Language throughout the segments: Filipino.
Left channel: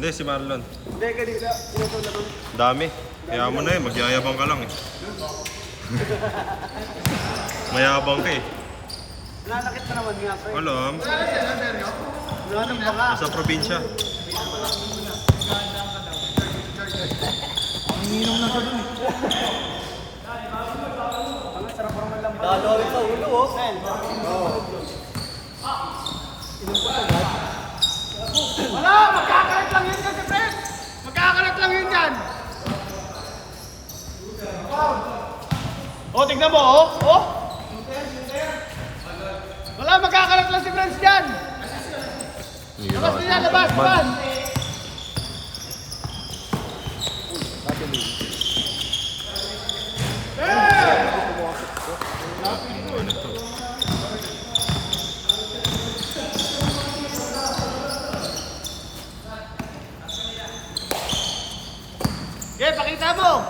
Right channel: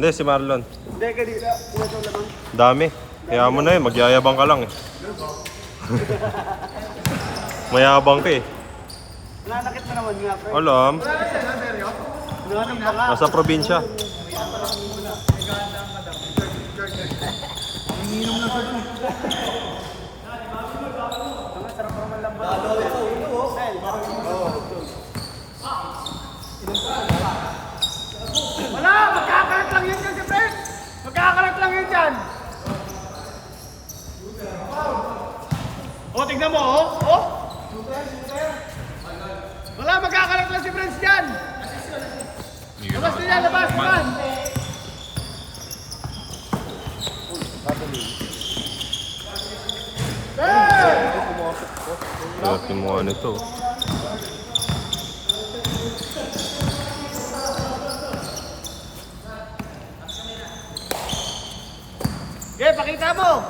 Hindi, si Marlon. Dami. Kaya mo na yun, magyayabang ka lang eh. Mayabang ka eh. Alam. Nasa probinsya. Dalaw sa ulo, oh. Wala, magkakarat lang yun dyan si Fred. Magkakarat lang yun dyan. Oh, tignan mo, oh. Oh. Wala, magkakarat lang si Fred dyan. Labas niya, labas, labas. Looking more nito. Okay, pakita mo.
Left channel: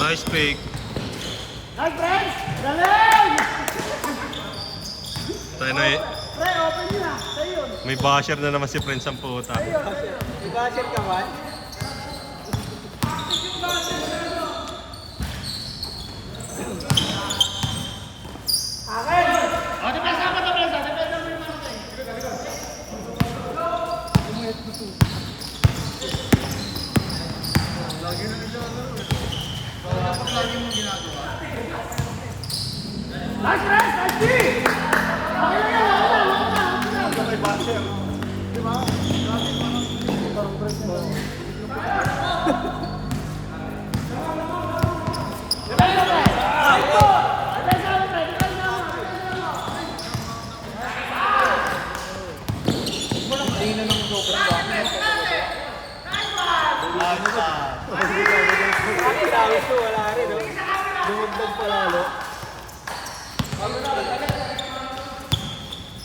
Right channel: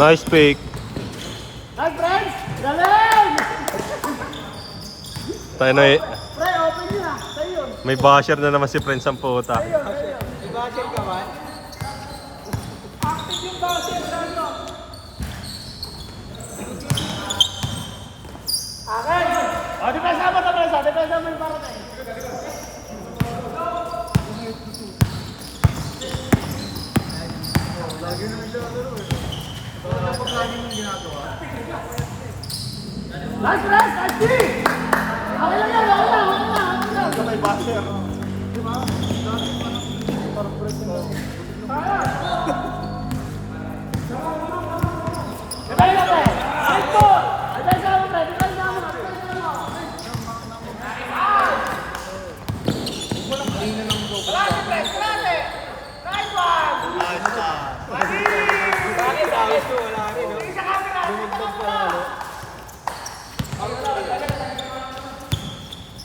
Nice pick. Nice, friends. Galing! Tayo na eh. Pre, open niya. Sa'yo. May basher na naman si Prince ang puta. Budget ka ba? Oh, depensa mo to, Prensa. Depensa mo yung parang Nice, Prensa! Nice, D! Okay lang yan, okay lang.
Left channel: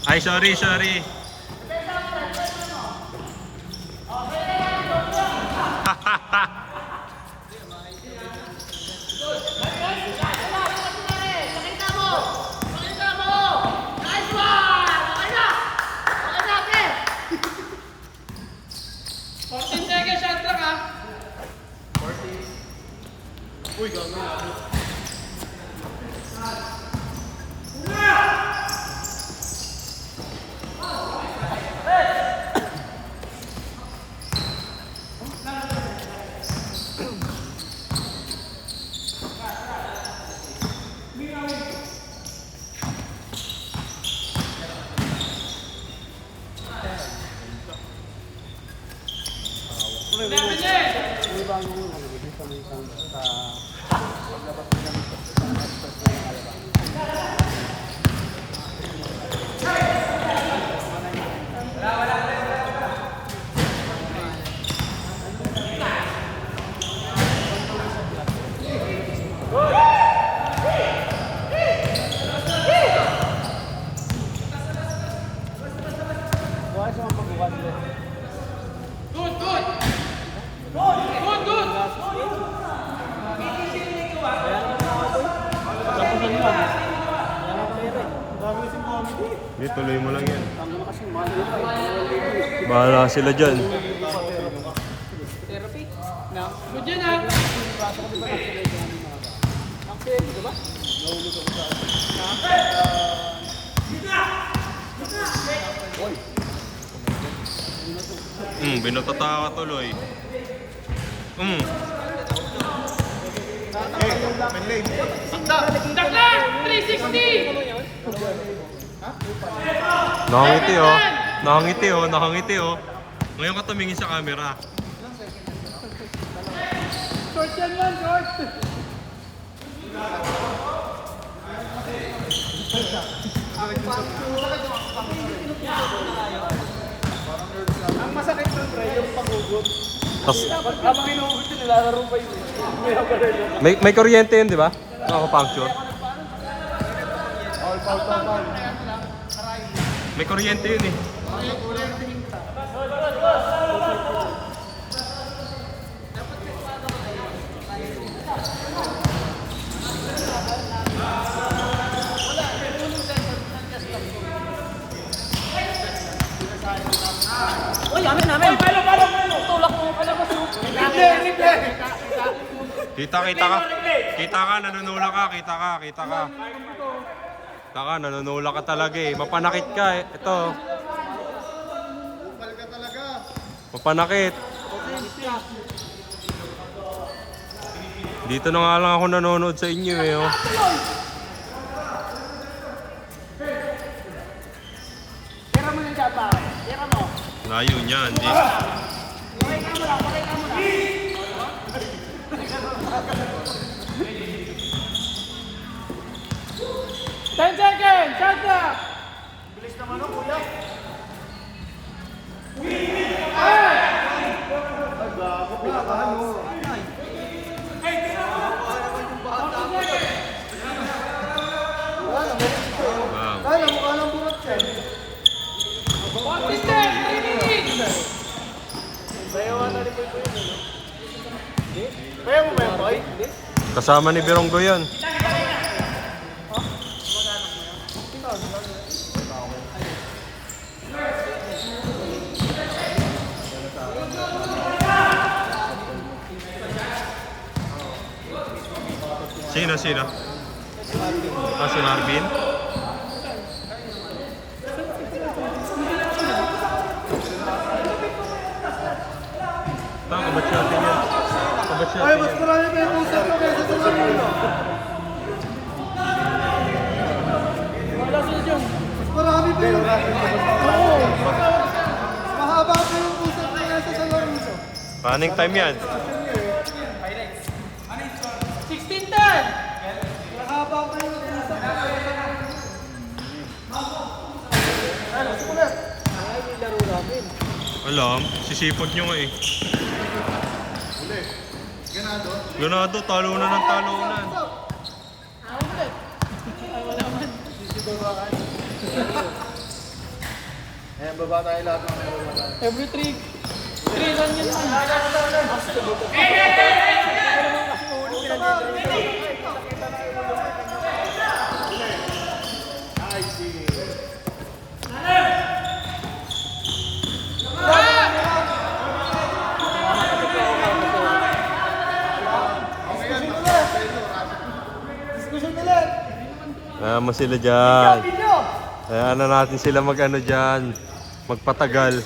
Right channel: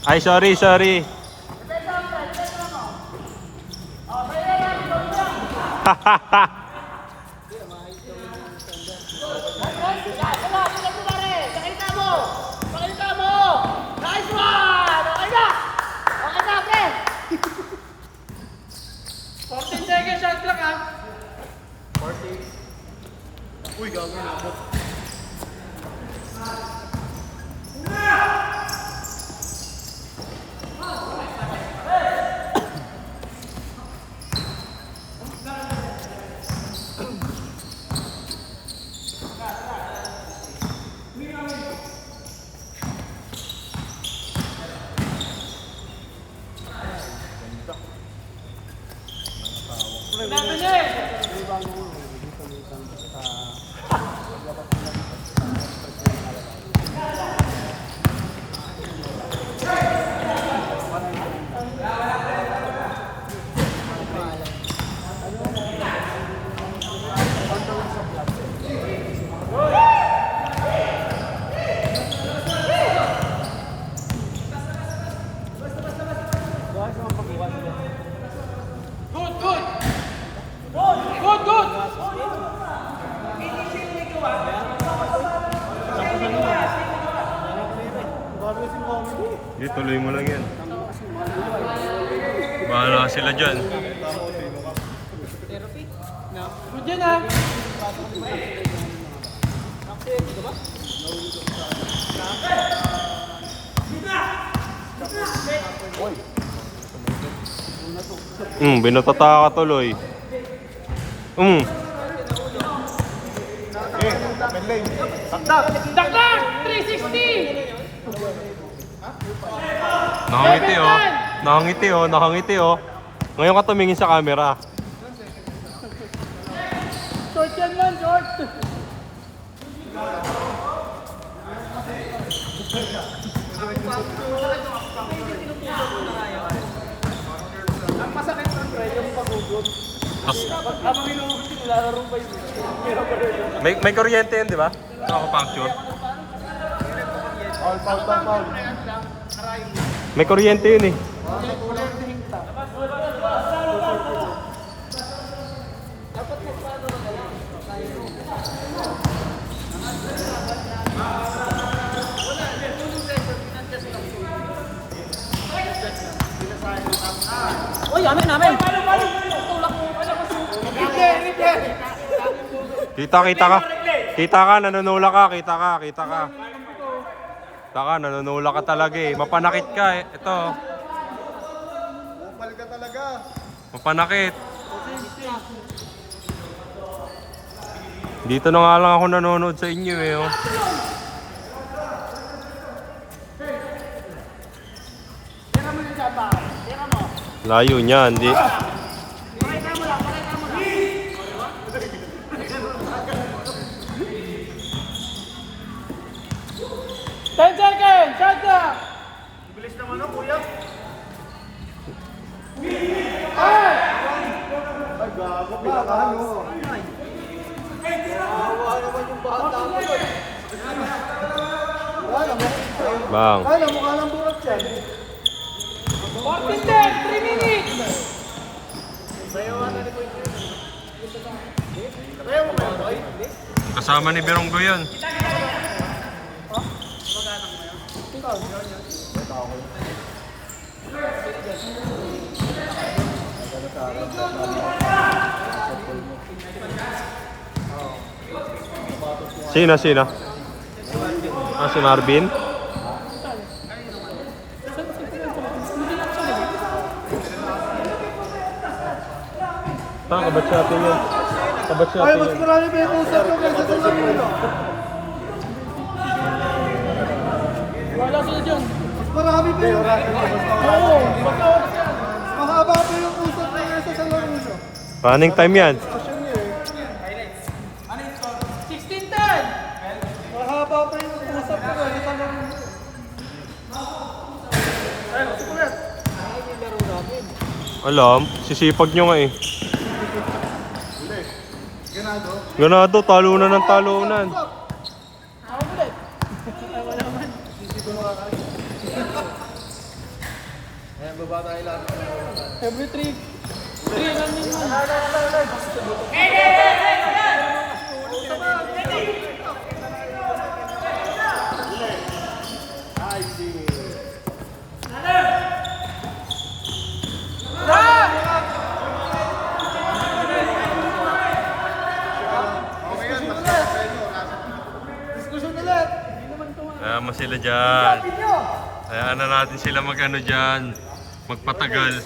Ay, sorry. Uy, gagawin ako. Hindi, tuloy mo lang yan. Bahala sila dyan. Good yan, ah. Binutata ka tuloy. Takdak! 360! Nakangiti oh. Ngayon ka tumingin sa camera. Short yan, short! Tas, may kuryente yun, di ba? Sa puncture. May kuryente yun eh. Uy, amin namin. Tulak mo. Alam mo. Kita ka. Kita ka, nanunula ka. Kita ka. Kita ka, nanunula ka talaga eh. Mapanakit ka eh. Ito. Upal ka talaga. Mapanakit. Dito na nga lang ako nanonood sa inyo eh. Oh. Layo niya, hindi. 10 seconds! Shot na! Bilis naman ang kuya. Ay, gago, pinakahan mo. Bang. Kasama ni Beronggo yun. Sino? Ah, si Marvin? Kabat natin yan. wala si Jong. Marami pa yun. Oo. Mahaba pa yung usap na isa sa iyo. Running time yan. 16-10! Mahaba pa yung usap na Alam, sisipag nyo nga eh. Ganado, talunan ng talunan. Ayan, baba tayo lahat. every 3. Ayan mo sila dyan. Ayan na natin sila mag-ano dyan. Magpatagal.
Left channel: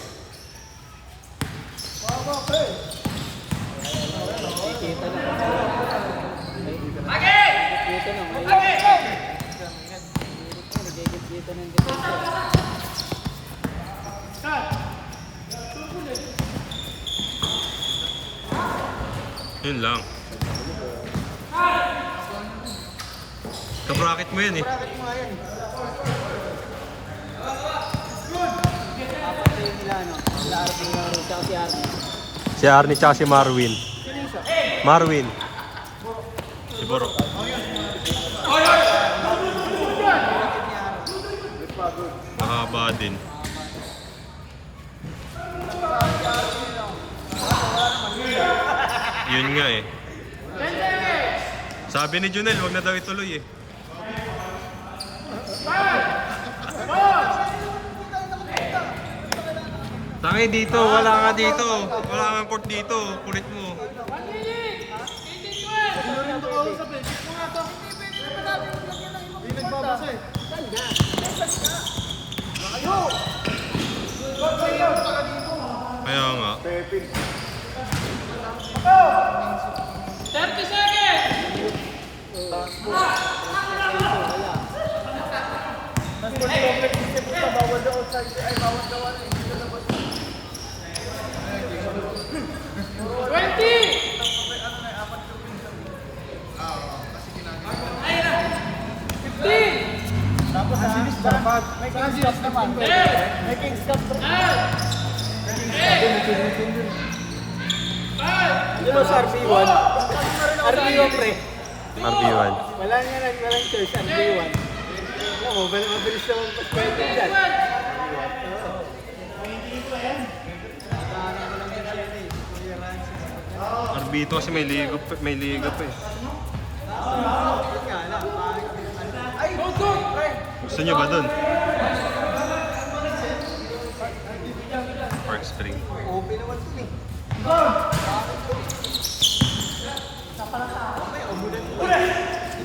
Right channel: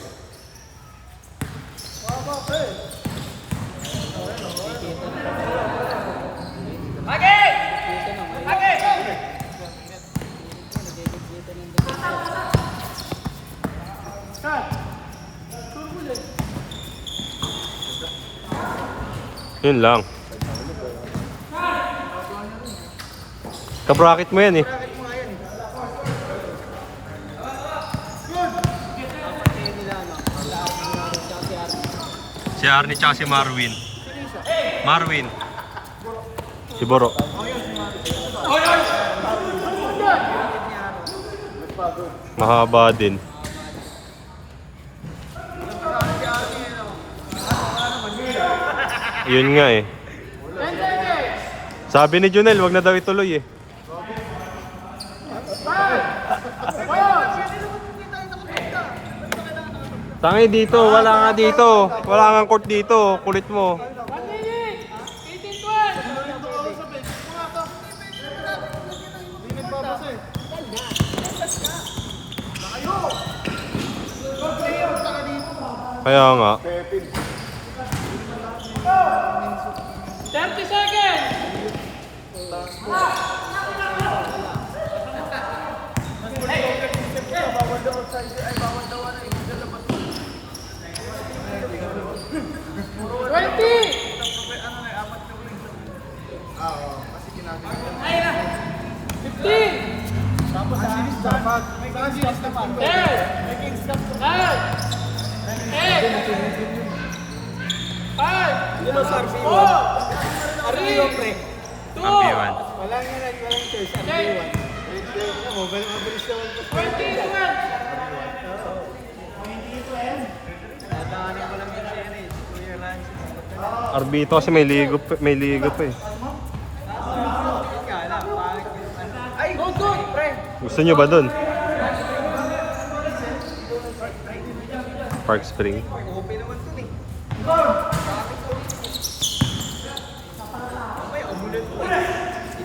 Yun lang. Kabracket mo yan eh. Si Arnie tsaka si Marwin. Si Boro. Mahaba din. Yun nga eh. Sabi ni Junel, wag na daw ituloy eh. Tangi dito, wala nga dito. Wala nga court dito, kulit mo. Kaya nga. 30 seconds! Ano sa RB1? RB1 pre. RB1. Walang church, RB1. Mabilis naman pa pwede dyan. Tatahanan ko lang yung siri. Kuya Rancis. Arbito kasi may ligo pa eh. Yun nga lang. Ay! Gusto nyo ba dun? Park Spring. Okay naman to eh.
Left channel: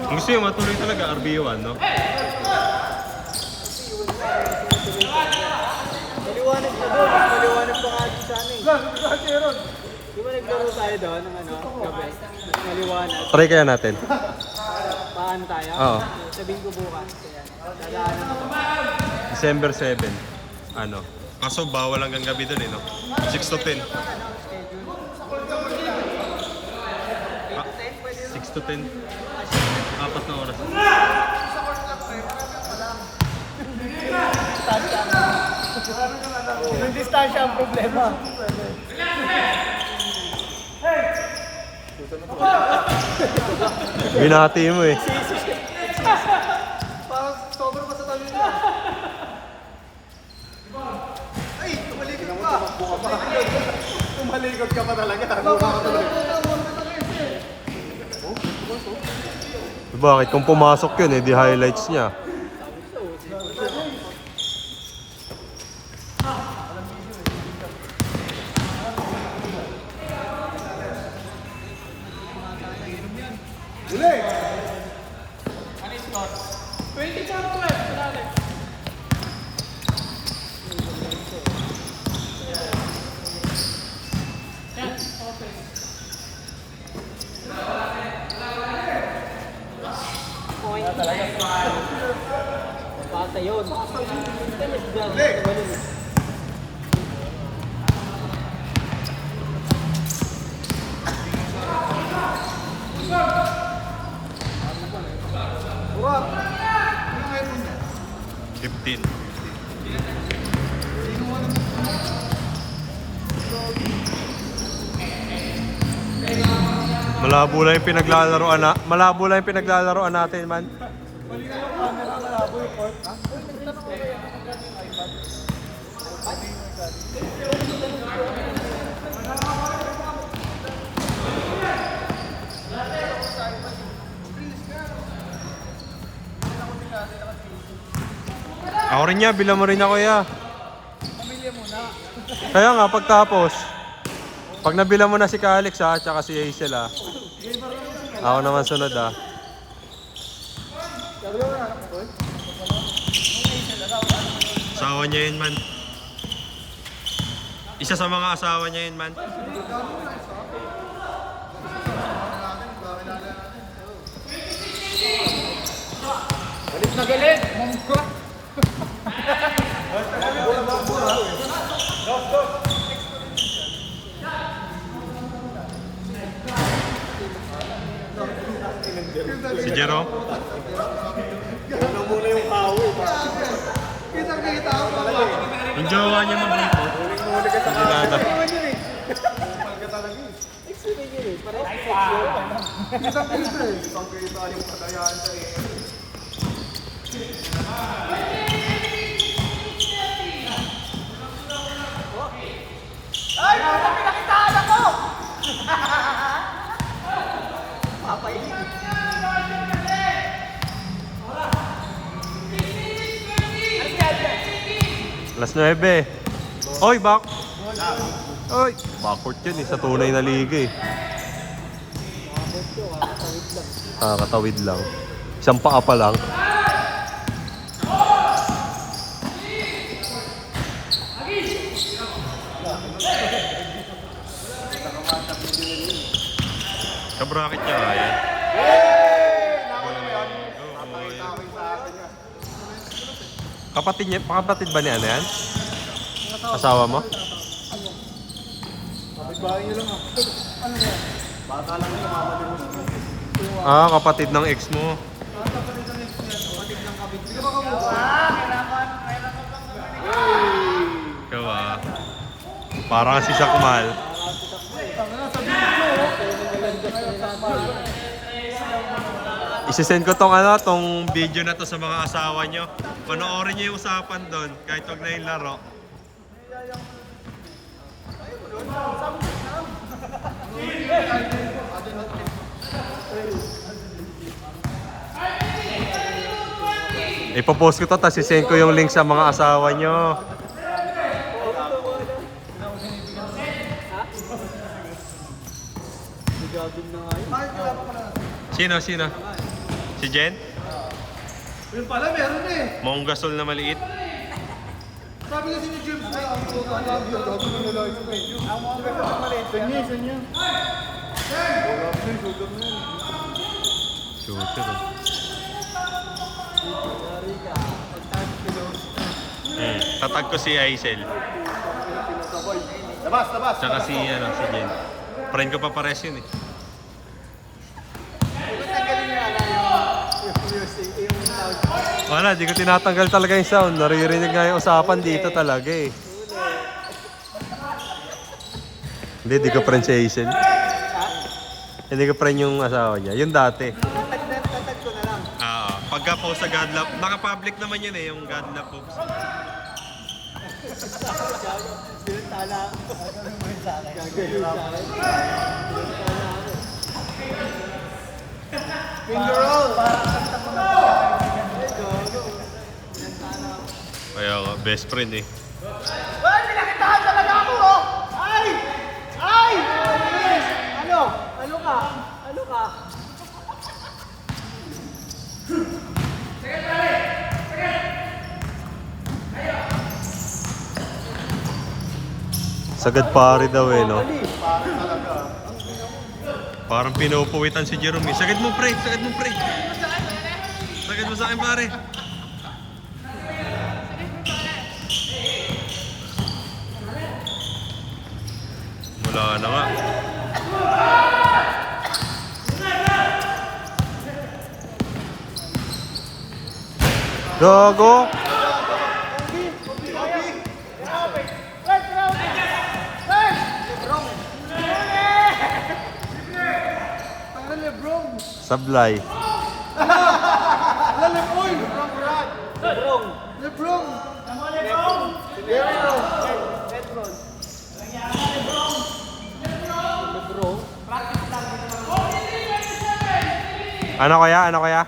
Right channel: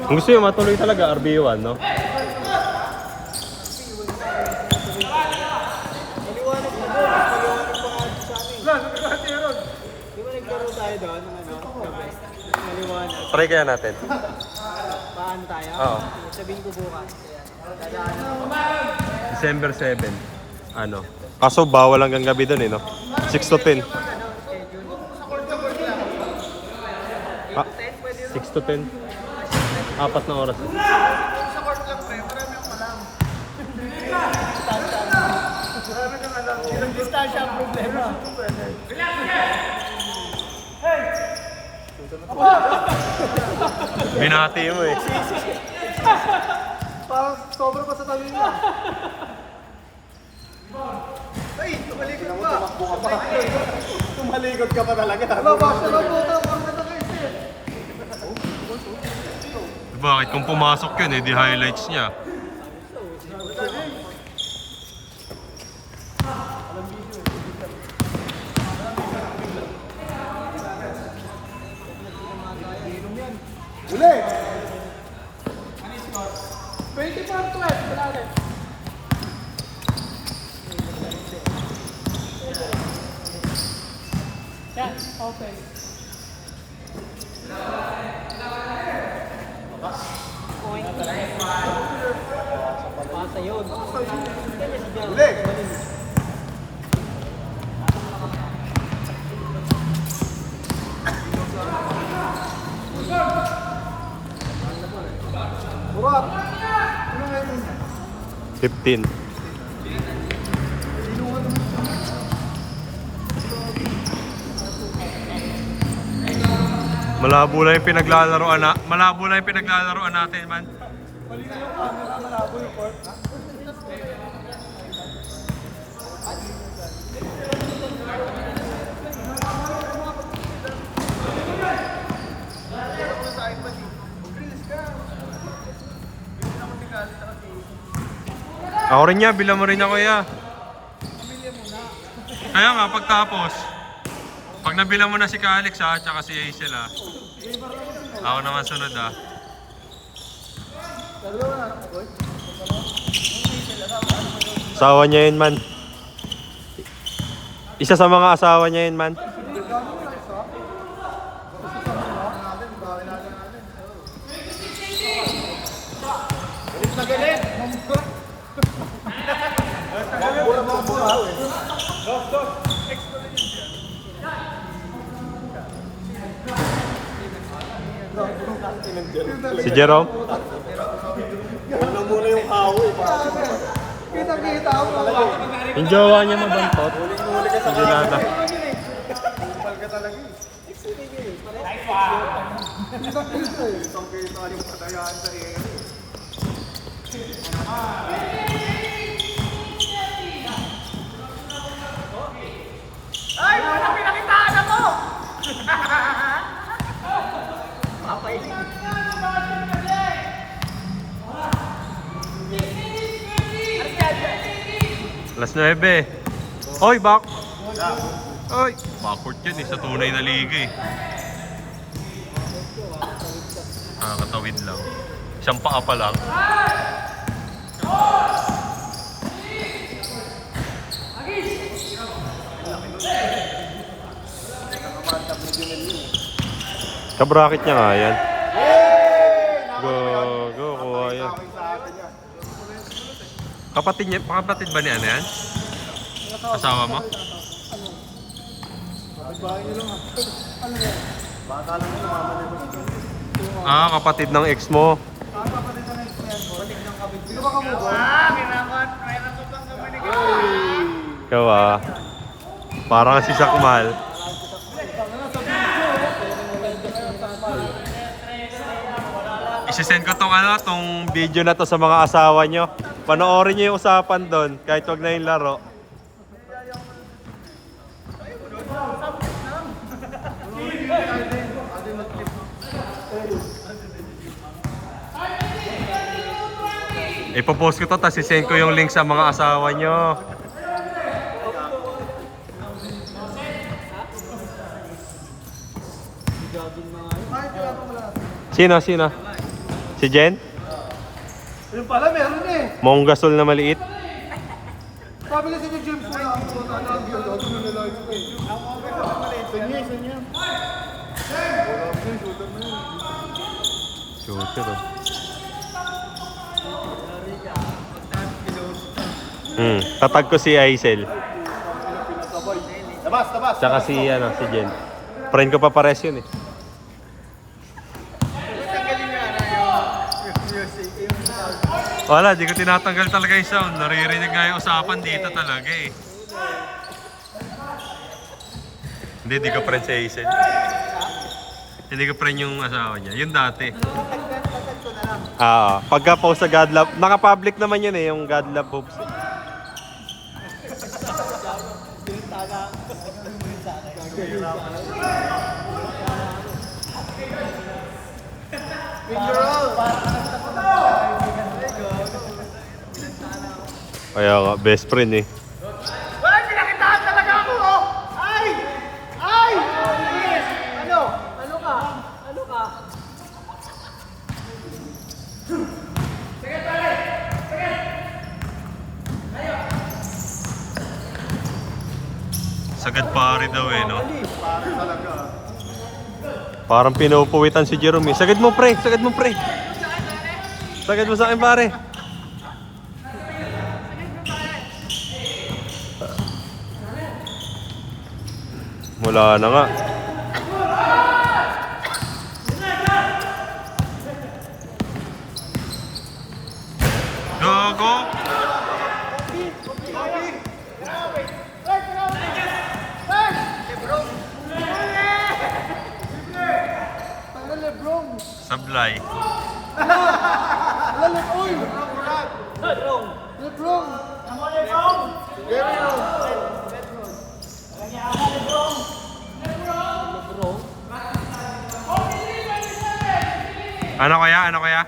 Kung gusto nyo matuloy talaga, RB1, no? Maliwanag pa doon. Maliwanag pa nga sa amin. Di ba naglaro tayo doon? Gabi. Maliwanag. Try kaya natin. Paano tayo? Oo. Sabihin ko bukas. December 7. Ano? Kaso bawal hanggang gabi dun eh, no? 6 to 10. Ano, schedule? 6 to 10. 4 na oras. Yung distansya ang problema. Binati mo eh. Parang sobrang pa sa tayo niya. Ay, tumalikod pa. Tumalikod ka pa talaga. Bakit? Kung pumasok yun eh, di highlights niya. Uli! 24-12. Wala ulit. Yan, okay. Bata yun. Buwag! Ano ngayon mo niya? 15. Malabo lang yung pinaglalaroan natin, man. Ako rin niya, bilang mo rin ako ya. Kaya nga, pagtapos, pag nabilang mo na si Alex ha, tsaka si Hazel ha. Ako naman sunod ha. Asawa niya yun, man. Isa sa mga asawa niya yun, man. Si Jerome? Kita ako talaga. Yung jowa niya mabantot. Hindi nada. Alas 9. Oy, back! Oy! Backward yun eh, sa tunay na liga eh. Katawid lang. Isang paa pa lang. Kabracket niya nga yan. Go, kuha yan. Kapatid ba ni ano yan? Asawa mo? Kapatid ng ex mo. Ikaw parang si Sakmal. Isisend ko tong video na to sa mga asawa nyo. Panoorin nyo yung usapan doon, kahit wag na yung laro. Ipopost ko to, tapos isend ko yung link sa mga asawa nyo. Sino? Si Jen? Yun pala, meron eh. Monggasol na maliit. Sabi kasi ni James na ako na love you. Sunyo. Shooter oh. Tatag ko si Aisel. Tabas. Tsaka si Jen. Friend ko pa pares yun eh. Wala, di ko tinatanggal talaga yung sound. Naririnig nga yung usapan dito talaga eh. Hindi, di ko friend si Hazel. Hindi ko friend yung asawa niya. Yung dati. Pagka-post sa God Love, naka-public naman yun eh, yung God Love post. Kaya nga, best friend eh. Ay, pinakitahan talaga ako, oh! Ay! Ano ka? Sagad pare daw eh, no? Parang pinupuwitan si Jerome eh. Sagad mo, pre! Sagad mo sa akin, pare! Wala na nga. Gago! Sablay. Ano kaya? Ano kaya?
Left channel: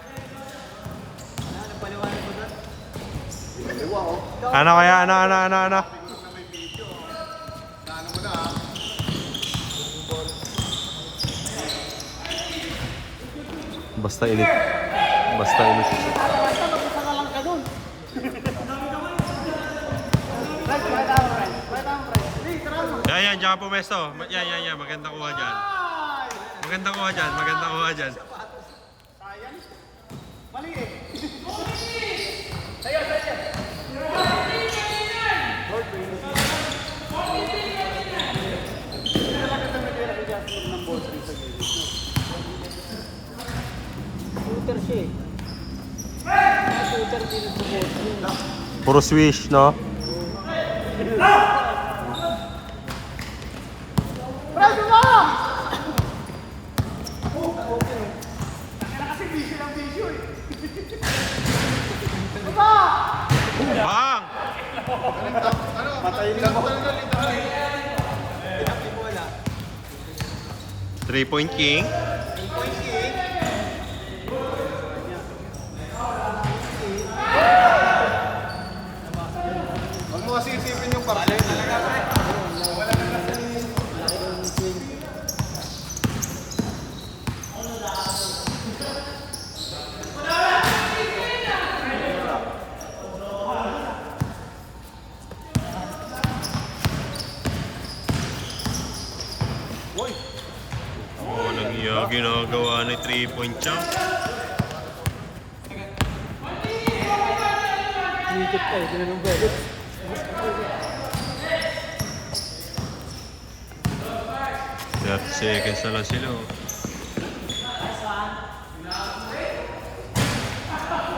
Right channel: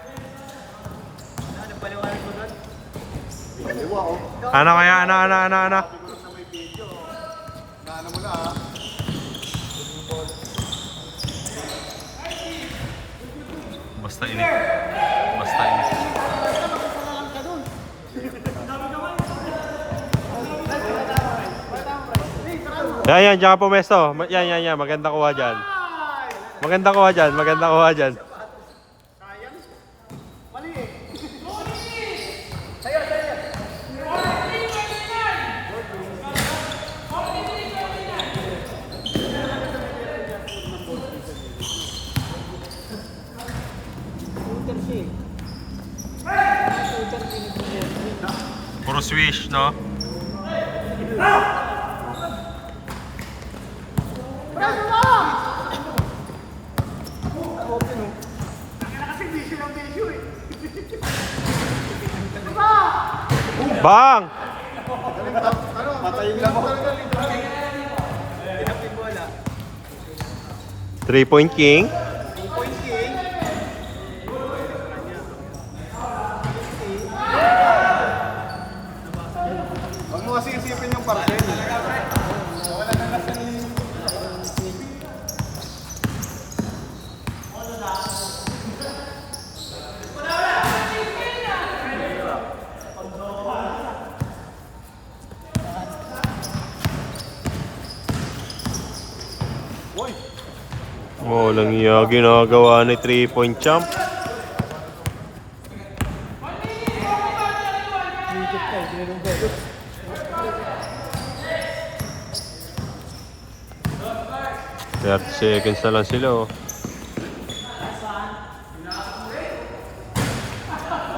Ano? Basta init. Yan, diyan ka pumesto. Yan. Maganda kuha dyan. Puro swish, no? Bang! 3-point king. Oh, lang iya ginagawa ni 3-point champ. That seconds na lang sila oh.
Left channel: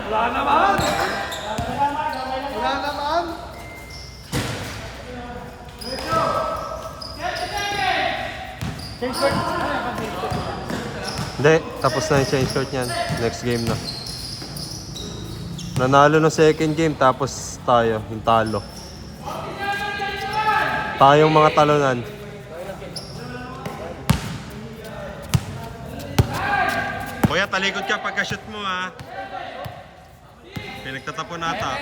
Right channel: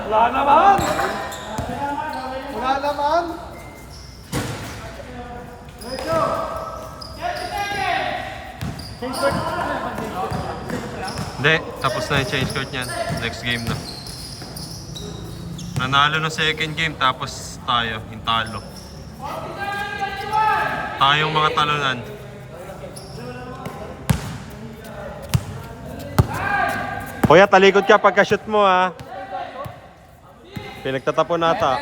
Wala naman! Hindi, tapos na yung change court niyan. Next game na. Nanalo ng second game, tapos tayo, yung talo. Tayong mga talunan. Kuya, talikod ka pagka-shoot mo ha. Pinagtatapon nata.